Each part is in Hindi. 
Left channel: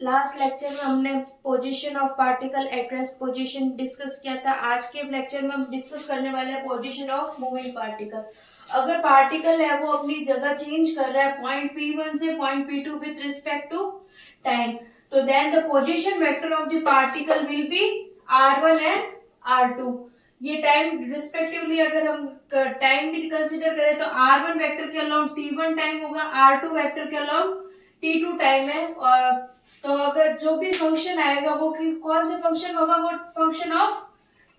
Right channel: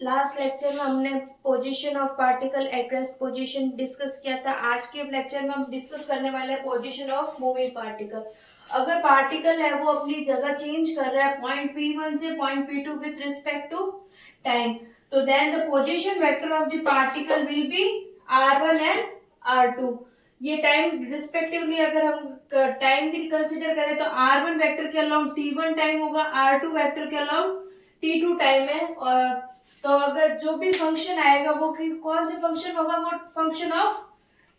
लास्ट लेक्चर में हमने position of particle at rest position discuss किया था। आज के लेक्चर में हम डिस्कस करने वाले हैं पोजीशन ऑफ मूविंग पार्टिकल। अगर पार्टिकल है वो अपनी जगह चेंज कर रहा है पॉइंट P1 से point P2 with respect to time, तो then the position vector of the particle will be R1 and R2। ये टाइम रिस्पेक्टिवली अगर हम टाइम भी कंसीडर करें तो R1 वेक्टर के अलोंग T1 टाइम होगा, R2 वेक्टर के अलोंग T2 टाइम है। और तो अगर जो भी फंक्शन आएगा वो कौन से फंक्शन होगा, वो फंक्शन ऑफ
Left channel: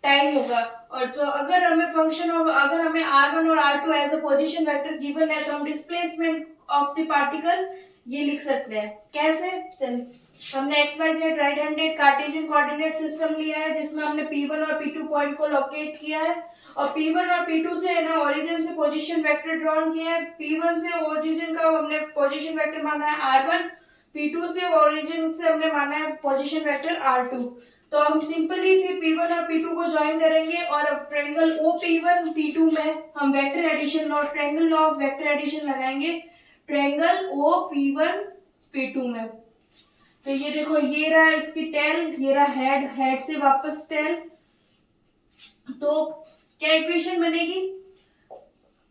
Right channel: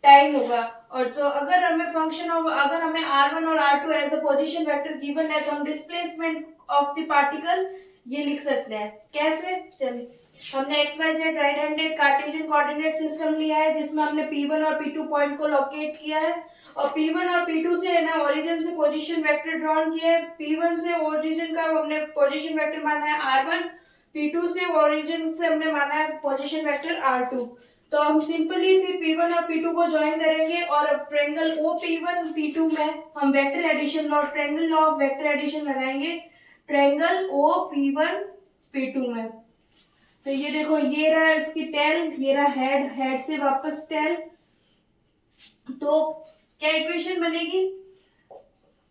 टाइम होगा। और तो अगर हमें अगर हमें R1 और R2 as a position vector given है तो हम डिस्प्लेसमेंट ऑफ द पार्टिकल ये लिख सकते हैं। कैसे? चलिए, हमने XYZ right handed Cartesian coordinate system लिया है जिसमें हमने P1 और P2 पॉइंट को लोकेट किया है और P1 और P2 से है ना ओरिजिन से पोजीशन वेक्टर ड्रॉन किया है। P1 से ओरिजिन का हमने पोजीशन वेक्टर माना है R1, P2 से ओरिजिन से हमने माना है पोजीशन वेक्टर R2। तो हम सिंपली फिर P1 और P2 को ज्वाइन करेंगे और ट्रायंगल OP1 P2 में हम vector addition law, triangle law of vector addition लगाएंगे ट्रायंगल OP1 P2 में। तो ये देखो, ये रहा इसकी टेल, ये रहा हेड, हेड से वापस टेल। तो क्या इक्वेशन बनेगी?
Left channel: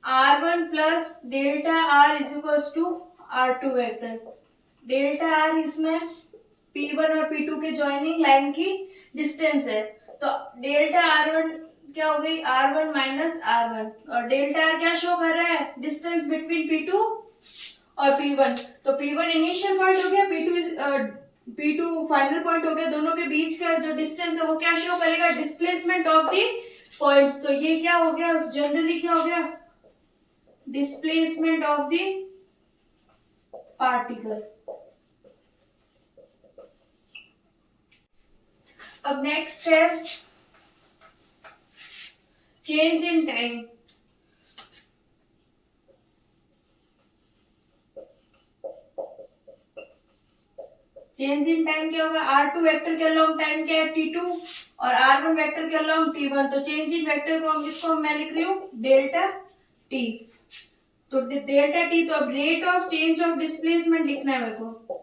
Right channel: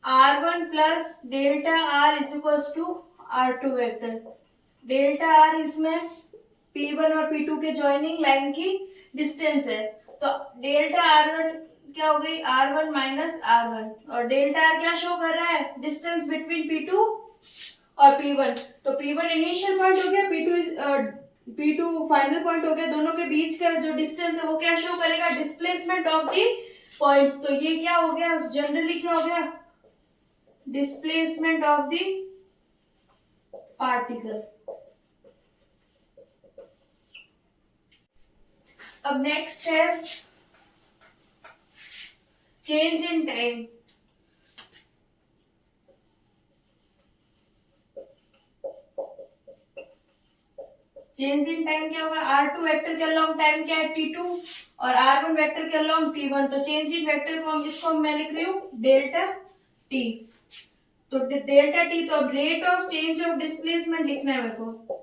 R1 plus delta R is equals to R2 vector. Delta R इसमें P1 और P2 के ज्वाइनिंग लाइन की डिस्टेंस है, तो डेल्टा R1 क्या हो गई? R1 minus R1। और डेल्टा R क्या शो कर रहा है? डिस्टेंस बिटवीन P2 और P1। तो P1 इनिशियल पॉइंट हो गया, P2 फाइनल पॉइंट हो गया। दोनों के बीच का जो डिस्टेंस है वो क्या शो करेगा? Displacement of the points. तो ये क्या हो गया? जनरली क्या हो गया? Displacement of the particle. अब नेक्स्ट है change in time. Change in time क्या होगा? R2 वेक्टर के अलोंग टाइम क्या है? T2 और R1 वेक्टर के अलोंग T1। तो चेंज इन वेक्टर को हम इसको मैं लिख रही हूँ डेल्टा T। तो डेल्टा T, तो अब rate of change of displacement लिखना है मेरे को,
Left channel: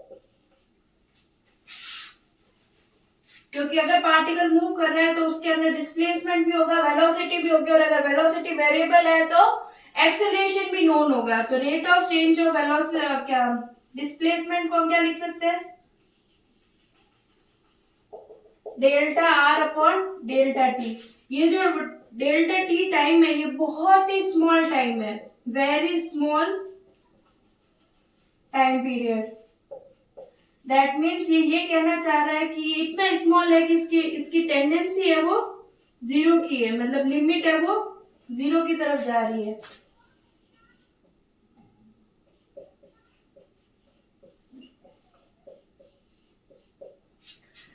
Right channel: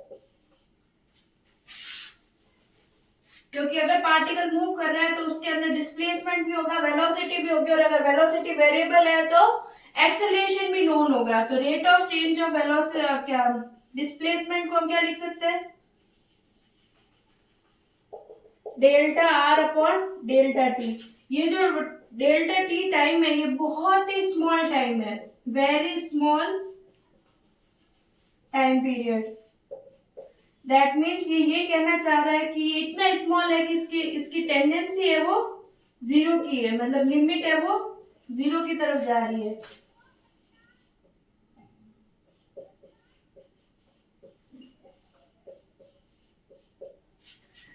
क्योंकि अगर पार्टिकल मूव कर रहा है तो उसके अंदर डिस्प्लेसमेंट भी होगा, वेलोसिटी भी होगी, और अगर वेलोसिटी वेरिएबल है तो एक्सेलरेशन भी नोन होगा। तो rate of change of velocity क्या डिस्प्लेसमेंट को हम क्या लिख सकते हैं? Delta R upon delta T। ये जो डेल्टा T टाइम है ये बहुत ही स्मॉल टाइम है, very small time period. That means ये कहना चाह रहा है कि इतना स्मॉल है कि इसकी टेंडेंसी है वो जीरो की है, मतलब लिमिट है वो जीरो की तरफ जा रही है।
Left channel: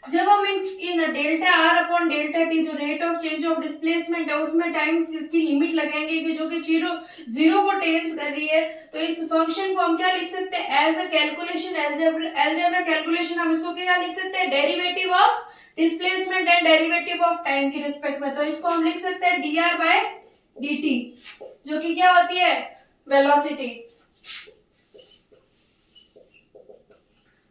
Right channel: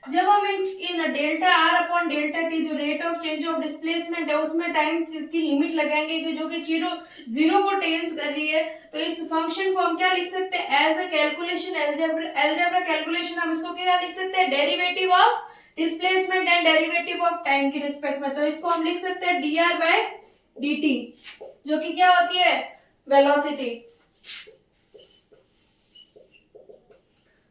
जब हम इन delta R upon delta T जो rate of change of displacement है उसमें टाइम की लिमिट लगाएंगे कि जो कि जीरो को टेंस कर रही है, तो इस फंक्शन को हम क्या लिख सकते हैं? As a calculation, algebra calculation हम इसको क्या लिख सकते हैं? Derivative of displacement and derivative of time की रिस्पेक्ट में। तो इसको हम लिख सकते हैं dr बाय dt, जो कि क्या होती है? वेलोसिटी।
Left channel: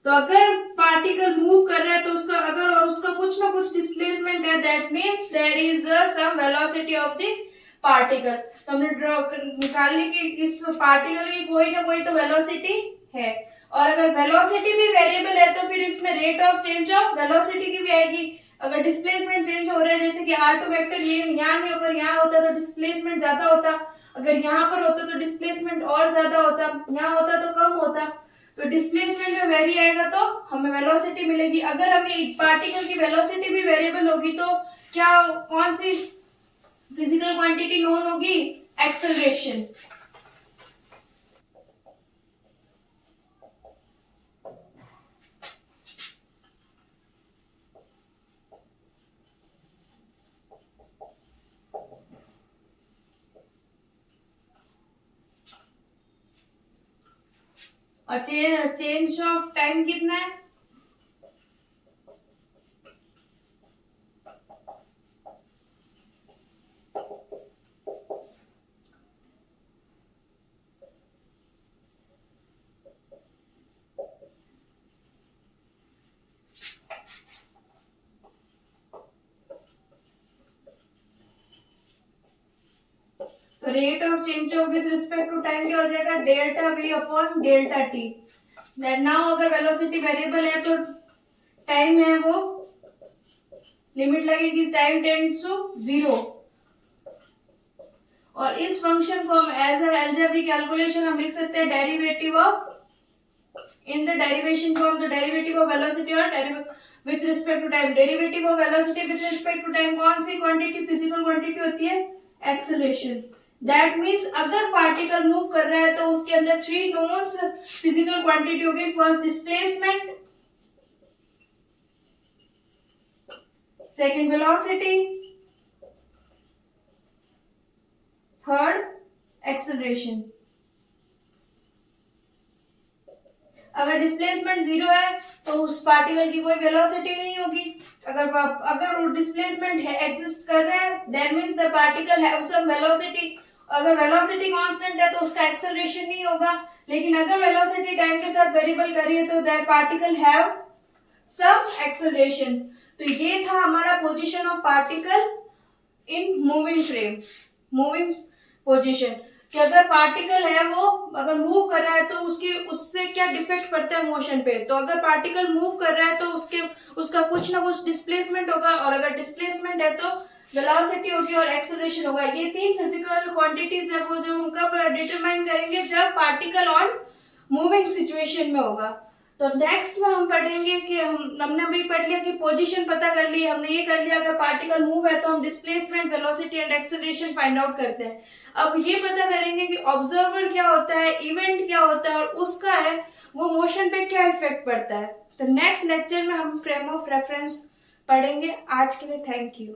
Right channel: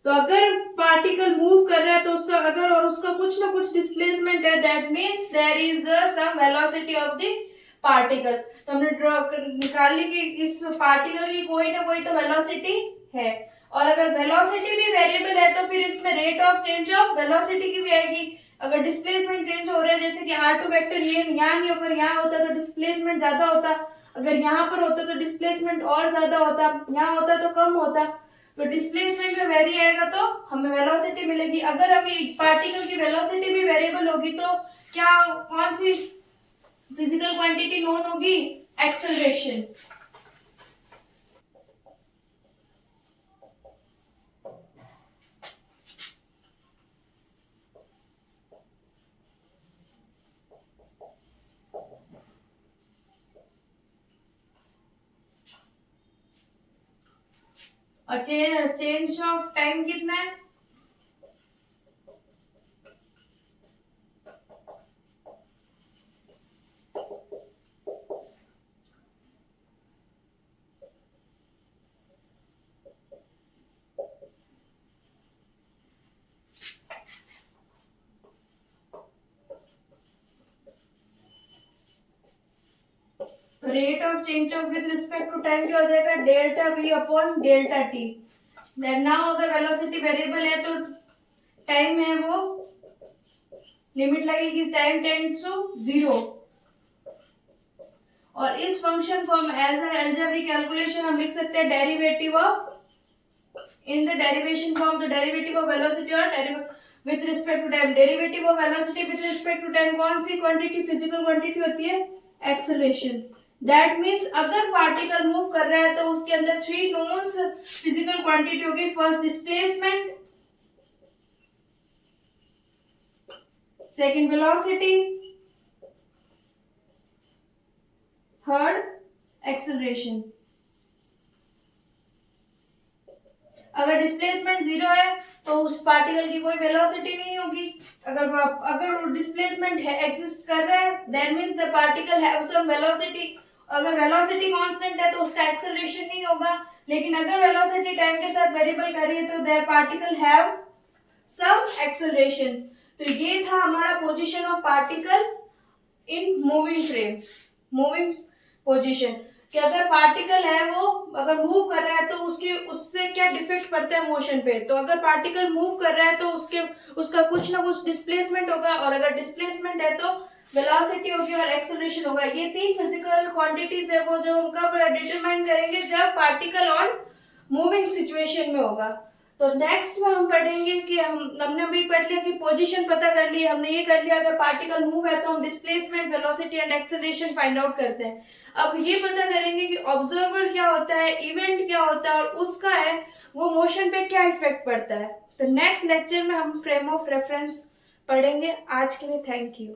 तो अगर पार्टिकल मूव कर रहा है तो उसका कुछ ना कुछ डिस्प्लेसमेंट है, that means there is some velocity of the particle. तो हमने ड्रॉ निकाल ली कि इस पार्टिकल की कोई ना कोई तो वेलोसिटी है, और अगर वेलोसिटी भी वेरिएबल है तो फिर इसमें rate of change of velocity की भी आएगी। अगर डिस्प्लेसमेंट चेंज हो रहा है, जैसे कि R2 वेक्टर ये यहाँ नहीं होकर यहाँ होता तो डिस्प्लेसमेंट ज्यादा होता, अगर यहाँ पर होता तो डिस्प्लेसमेंट और ज्यादा होता, यहाँ होता तो कम होता। तो डिस्प्लेसमेंट में वेरी आएगा तो हमें वेलोसिटी मिलेगी। अगर हमें पार्टिकल की वेलोसिटी भी वेरिएबल होगी तो क्या कौन सी फिजिकल क्वांटिटी नोन होगी? एक्सेलरेशन। और चेंज ऑफ टाइम कितना है? Rate of change of with respect to time क्या हो जाएगा, delta V upon delta T. That now अगर वेलोसिटी वेरिएबल है तो टाइम है वो लिमिट लगेगी टाइम टेंड्स टू 0। और इस फंक्शन को हम एज अ अलजेब्रिक कैलकुलेशन हम लिख सकते हैं derivative of, in the derivation form the derivative of velocity और with respect to time. Derivative of velocity with respect to time कौन सी क्वांटिटी, फिजिकल क्वांटिटी होती है, एक्सेलरेशन। दैट मीन्स अगर पार्टिकल मूव कर रहा है तो उसके अंदर 3 नोन्स फिजिकल क्वांटिटी होगी। First displacement, second velocity, third acceleration. अगर डिस्प्लेसमेंट 0 है तो उस पार्टिकल की कोई वेलोसिटी नहीं होगी। अगर डिस्प्लेसमेंट है एग्जिस्ट कर रहा है that means the particle have some velocity. अगर वेलोसिटी कांस्टेंट है तो उसका एक्सेलरेशन नहीं होगा। लेकिन अगर वेलोसिटी टाइम के साथ वेरिएबल कर रही है तो that particle have some acceleration. तो ये था हमारा position of particle in moving frame, moving position, कि अगर पार्टिकल है वो अगर मूव कर रहा है तो उससे क्या डिफेक्ट पड़ता है मोशन पे। तो अगर पार्टिकल मूव कर रहा है तो उसका कुछ ना कुछ डिस्प्लेसमेंट होगा, और अगर डिस्प्लेसमेंट है तो वेलोसिटी होगी और एक्सेलरेशन होगा। ये 3 फिजिकल क्वांटिटीज है वो जो हम कब डिटरमाइन करेंगे, जब पार्टिकल ऑन मूविंग सिचुएशन में होगा। तो नेक्स्ट में हम पढ़ेंगे कि हमने अभी पढ़ लिया कि पोजीशन पता कर ली, हमने ये कर लिया अगर पार्टिकल मूव है तो हम displacement, velocity and acceleration find out करते हैं। अब ये पता करेंगे कि ऑब्जर्वर क्या होता है, इवेंट क्या होता है, और उसका है वो मोशन पे क्या इफेक्ट पड़ता है। तो नेक्स्ट लेक्चर में हम फ्रेम ऑफ रेफरेंस पढ़ेंगे। आज के लिए थैंक यू।